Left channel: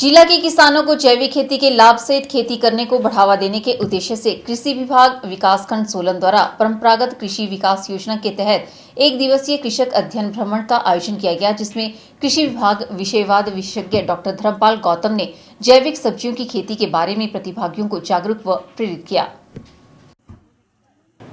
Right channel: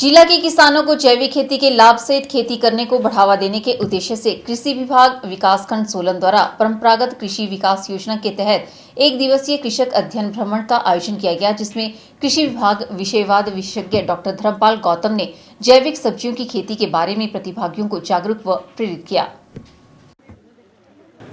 जिला के किसानों को जैविक खेती के लाभ सहित खेती करने को बढ़ावा देने के उद्देश्य से कृषि विभाग विकासखंड सोलन द्वारा परंपरागत कृषि विकास योजना के तहत एक दिवसीय कृषक अध्ययन भ्रमण का आयोजन किया गया, जिसमें कृषि विभाग विषयवाद विशेषज्ञ डॉक्टर धर्मपाल गौतम ने जैविक सब्जियों की खेती के बारे में प्रतिभागियों को जागरूक व प्रेरित किया।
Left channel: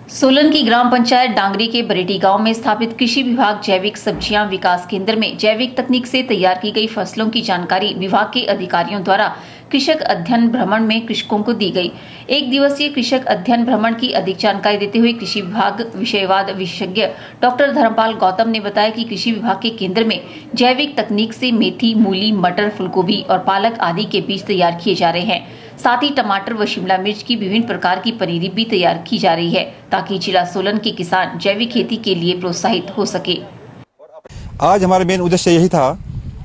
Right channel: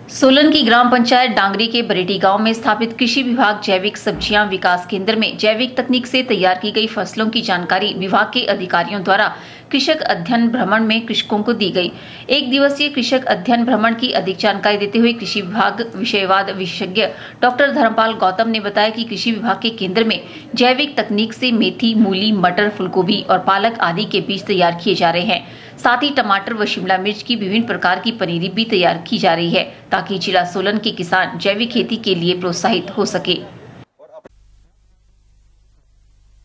सोलन की ग्राम पंचायत डांगरी के बरेडी गांव में स्थापित कृषि विभाग जैविक सब्जियां विकास केंद्र में जैविक तकनीक से तैयार की गई फसलों की जानकारी विभाग के अधिकारियों द्वारा कृषक अध्ययन भ्रमण में कृषकों को दी गई। एक दिवसीय कृषक अध्ययन भ्रमण की अधिक जानकारी देते हुए कृषि विभाग विषयवाद विशेषज्ञ डॉक्टर धर्मपाल गौतम ने बताया कि कृषि विभाग के केंद्र में जैविक तकनीक से मेथी, मूली, मटर, फूलगोभी और पालक आदि के बीज तैयार किए जा रहे हैं। साथ ही टमाटर व शिमला मिर्च की विभिन्न प्रकार की पनीरी भी तैयार की जा रही है, ताकि जिला सोलन के किसान जैविक खेती के लिए प्रोत्साहित हो सके। आज हमारा मेन उद्देश्य यही था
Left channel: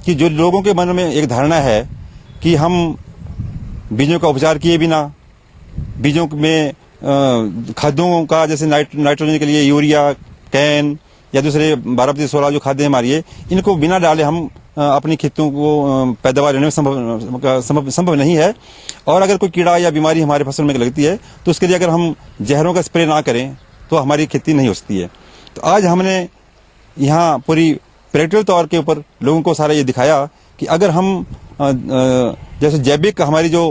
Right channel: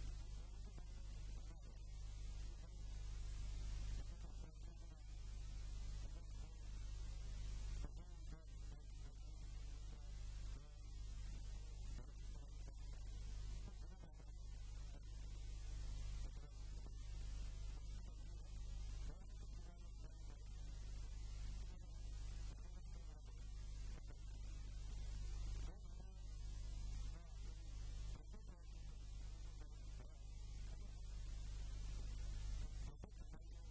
कि जो लोगों के मन में एक धारणा है कि हम बीजों का उपचार किए बिना, बीजों में खादों का जैसे नाइट्रोजन के लिए यूरिया, कैन या दूसरे 12-16 जो खाद्य हमारी है, इनको बिना डाले हम अपनी खेतों को पैदावार लेने में संभव नहीं है। और अगर कोई कीड़ा या बीमारी हमारे फसल में लगती है तो उसके लिए अगर हम जहरों का स्प्रे ना करें तो हमारी खेती नहीं हो सकती है। तो आज हमने यहाँ पूरी प्रैक्टिकल तौर के ऊपर लोगों को सारा ये दिखाया कि अगर हम जैसे जैविक हमारी जो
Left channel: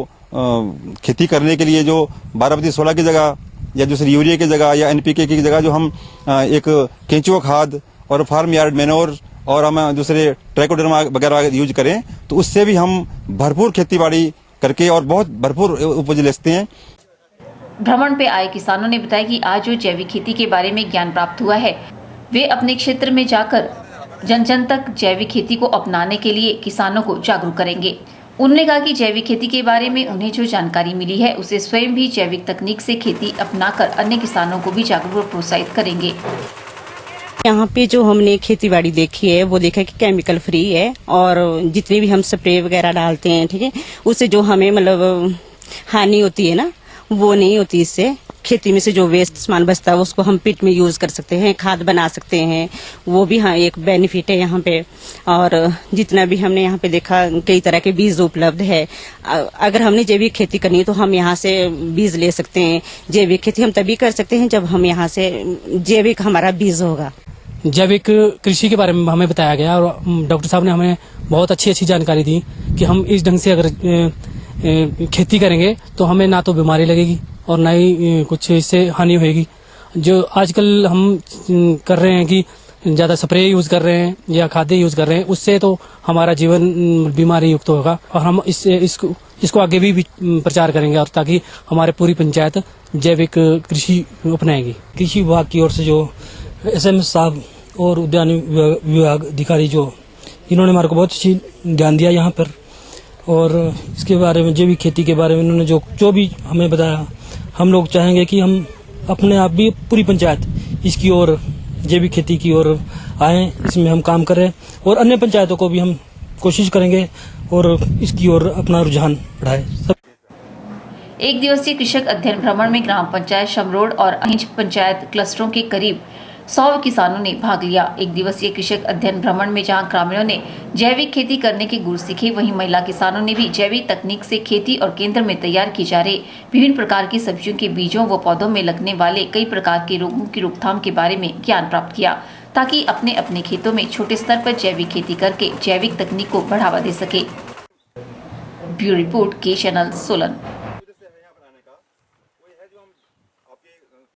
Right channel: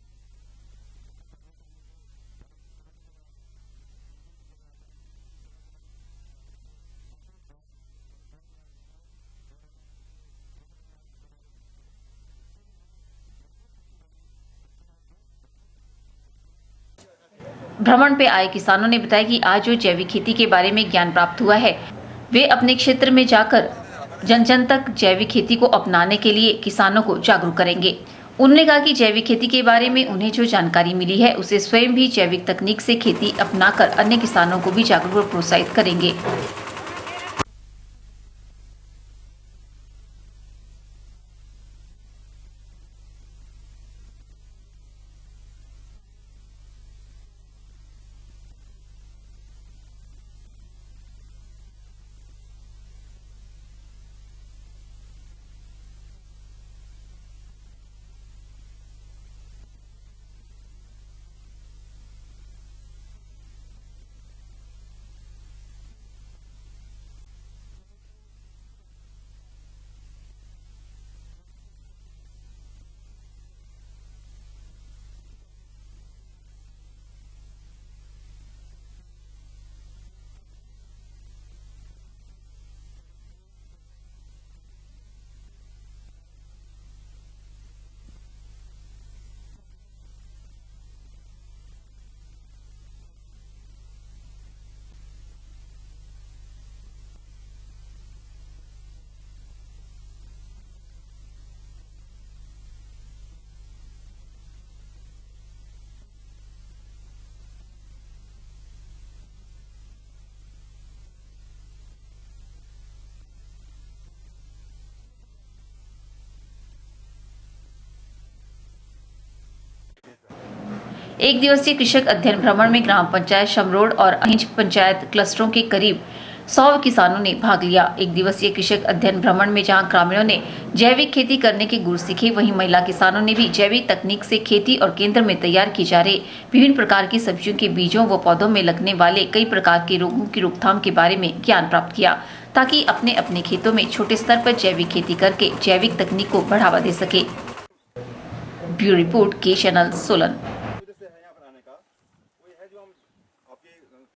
खेती करने के लिए जो 12-16 की जगह या दूसरी यूरिया की जगह या एनपीके की जगह जो हम एक केंचुआ खाद और फार्म यार्ड मैनोर और हम दूसरे ट्राइकोडर्मा वगैरह यूज करें तो उससे भी हम भरपूर खेती-बाड़ी करके और बहुत भरपूर उपज लेते हैं। भ्रमण पे आए किसानों ने बताया कि आज जो जैविक खेती के बारे में ज्ञान प्राप्त हुआ है, वे अपने क्षेत्र में जाकर जन जन तक जैविक खेती को अपनाने के लिए किसानों को जागरूक करेंगे। उन्होंने कहा कि जैविक खेती के बारे में उन्हें जो जानकारी मिली है, उसे स्वयं भी जैविक तकनीक से खेती अपनाकर अन्य किसानों को भी जागरूक और प्रोत्साहित करेंगे। यहाँ पे जो हमने खेतीबाड़ी देखी है वो देखा कि केमिकल फ्री है और जितने भी हम स्प्रे वगैरह डालते हैं, ठीक है, उससे जो हमें मतलब हानि होती है ना, वो नहीं होती। इससे खेती में से जो वेस्ट सामान बचता है उसको हम पिट में यूज कर सकते हैं, खाद बना सकते हैं, वो भी हाँ एक बेनिफिट है यहाँ पे। और जितना भी हमने यहाँ पे देखा कई तरह के बीज उपलब्ध है। अगर हमने जैविक खेती करनी है तो हम यहाँ से बीज ले सकते हैं। जैविक खेती हम तभी कर सकते हैं जब हम यहाँ से जैविक हमारा बीज होगा। जैविक कृषि के बारे में हमें बताया गया और डॉक्टर साहब ने हमें बहुत अच्छी जानकारी दी कि हम इस ढंग से अगर खेती करेंगे तो हमें ना तो बीमारी लगेगी और ना ही कुछ इससे हानि होगी। जो आजकल हम कर रहे हैं कि ज़्यादा स्प्रे यूज़ कर रहे हैं या खाद्य यूज़ कर रहे हैं, उससे तो हमारा जीवन बीमारी युक्त होगा और हम इसको आगे भी प्रचार करेंगे और ताकि हमारे पूरी पंचायत जैविक कृषि अपनाएगी। कृषि विभाग की ओर से जो एसएम साहब और उद्यान विभाग अधिकारी जो इन्होंने हमारे को बहुत अच्छी ज्ञान दिया यहाँ पर, और इसके बारे में जैविक खेती के बारे में इन्होंने जो भी हमें बताया, हम लोग चाहेंगे कि हम अपने आप भी पूरी पंचायत इसकी ओर जैविक खेती की ओर आएँ, इसमें हम काम करें और अन्य पंचायतों को भी हम कोशिश करेंगे और इसकी ओर अपना रुझान बढ़ाएं। एक दिवसीय कृषक अध्ययन भ्रमण में ग्राम पंचायत शमरोड और अहिंज पंचायत क्लस्टरों के करीब 100 किसानों ने भाग लिया। एक दिवसीय कृषक अध्ययन भ्रमण में जहां ग्रामीणों ने जैविक खेती करने के गुर सीखे, वहीं महिला किसानों ने भी जैविक तकनीक से खेती और केंद्र में तैयार की जा रही विभिन्न प्रकार की सब्जियों के बीजों व पौधों में लगने वाले कई प्रकार के रोगों की रोकथाम के बारे में ज्ञान प्राप्त किया, ताकि अपने अपने खेतों में छोटे स्तर पर जैविक खेती करके जैविक तकनीक को बढ़ावा दे सके। ब्यूरो रिपोर्ट, के चैनल, सोलन।